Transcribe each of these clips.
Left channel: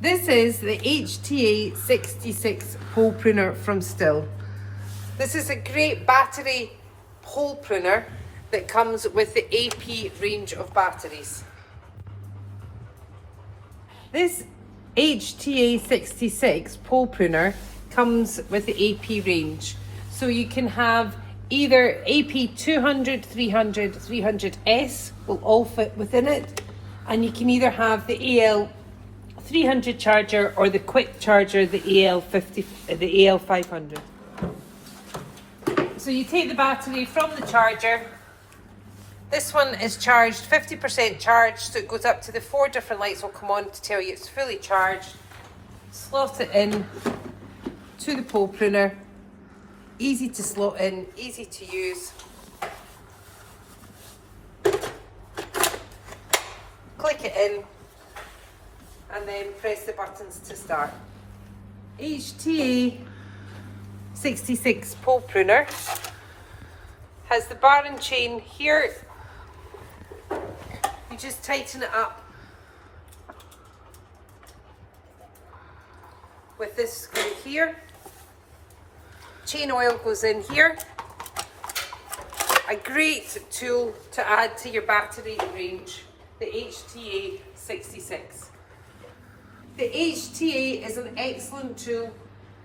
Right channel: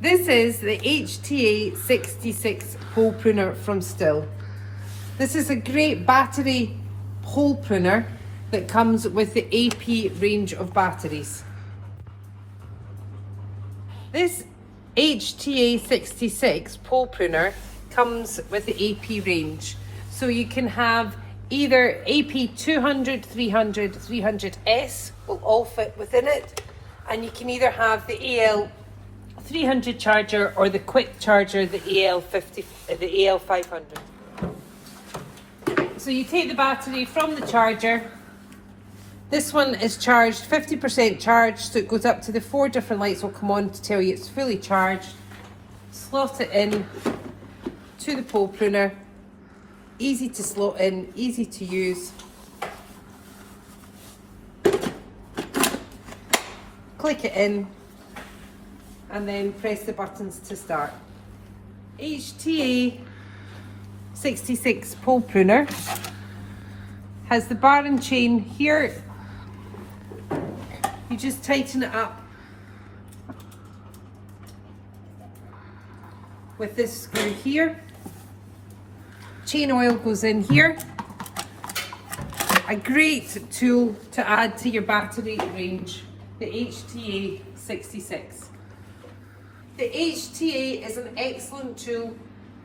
This is the HTA 66 hole pruner from Still. This is a great battery hole pruner that comes with the AP range of batteries. This HTA 66 pole pruner comes with the AP range. So you can have either AP 200, 300, 300S will all fit within it. And you can either have the AL 300 charger or the quick charger, the AL50, the AL500. So you take the battery from the charger. This one is charged 50% charged, so it goes up to the 4 different lights will come on to tell you it's fully charged. Slot it in to the pole pruner. Easy to slot in, easy to use. Click it in and then press the buttons to start. HTA 66 pole pruner has the bar and chain here. You just tighten it up with this screw here. Chain oil goes in here. A great tool to add to your battery range, the HTA 66. The HTA is an excellent tool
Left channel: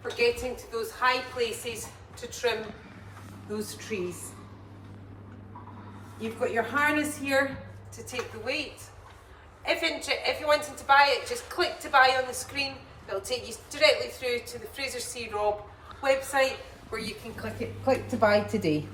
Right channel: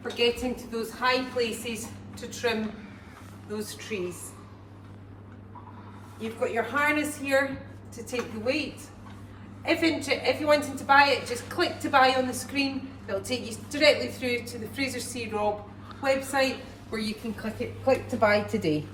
for getting to those high places to trim those trees. You've got your harness here to take the weight. If you're wanting to buy it, just click to buy on the screen. It'll take you directly through to the Fraser C. Robb website where you can click to buy today.